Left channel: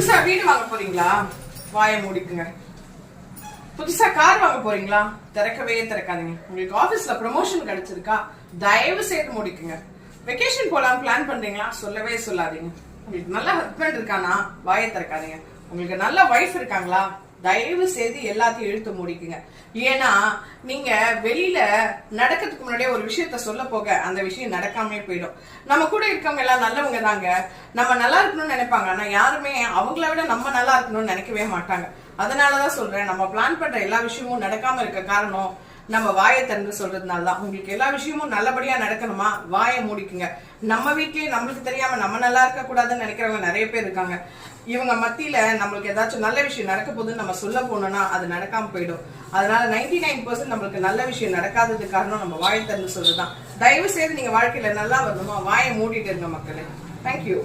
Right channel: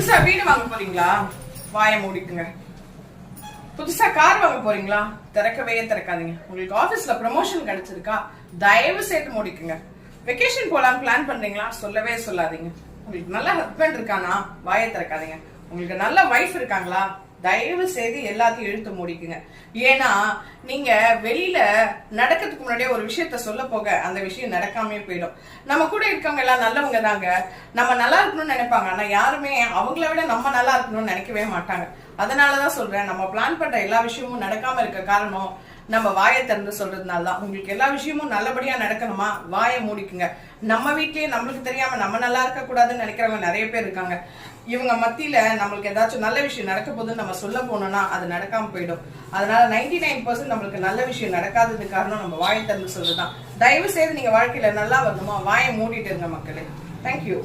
புதுசா வீடு வாங்க போறீங்களா? வாயை மூடிக்குங்க. புதுசா கார் வாங்க போறீங்களா? திறக்கவே திறக்காதீங்க. உங்களுக்கு ஆபீஸ்ல ப்ரமோஷன் கிடைச்சிருக்கா? தயவு செய்து மூடிக்குங்க. வெக்கேஷன் போலாம் பிளான் பண்றீங்களா? சொல்லவே சொல்லாதீங்க. உங்களுக்கு நல்ல ஹஸ்பண்ட் இருக்கானா? வாயை திறக்காதீங்க. உங்களுக்கு நல்ல வைஃப் இருக்காங்களா? தயவு செய்து எல்லாத்தையும் இழுத்து மூடிக்குங்க. ஏன்னா நீங்க வெளியில நடக்கிறதுக்கு முன்னாடியே ஒரு விஷயத்த சொல்ல போக அந்த விஷயம் நடக்காமே போயிடும். நம்ம கூட இருக்கவங்க எல்லாம் நல்லவங்க தாங்க, நம்ம நல்லா இருக்கணும்னு நினைப்பாங்க. ஆனா யாருமே அவங்கள விட நம்ம நல்லா இருக்கணும்னு நினைக்கவே மாட்டாங்க. அதனாலதான் சொல்றேன், நம்ம பிளான் பண்ற எல்லா விஷயமும் நடக்காம இருக்க காரணம் நம்ம வாயை திறந்து சொல்றதுனால தான். உங்களுக்கு எல்லா விஷயமும் நல்லபடியா நடக்கணுமா? வாயை மூடிக்குங்க. நம்ம வீட்லயே நம்மளுக்கு தெரியாம நம்ம நல்லா இருக்க கூடாதுன்னு நினைக்கிறவங்க நிறைய பேர் இருக்காங்க. இவங்க மத்தியில நம்மளுக்கு ஏதாச்சும் நல்ல விஷயம் நடக்க போதுன்னு நம்ம சொல்ல போனோம்னா அது நடக்காம போயிடும். அதனால 99% நம்மளுக்கு நல்ல விஷயம் நடக்காதது காரணம் நம்ம வாயை திறந்து சொல்றதுதான். தயவு செய்து நீங்க வாழ்க்கையில நல்லா வரணுமா? வாயை மூடிட்டு இருங்க மக்களே. தேங்க்யூ.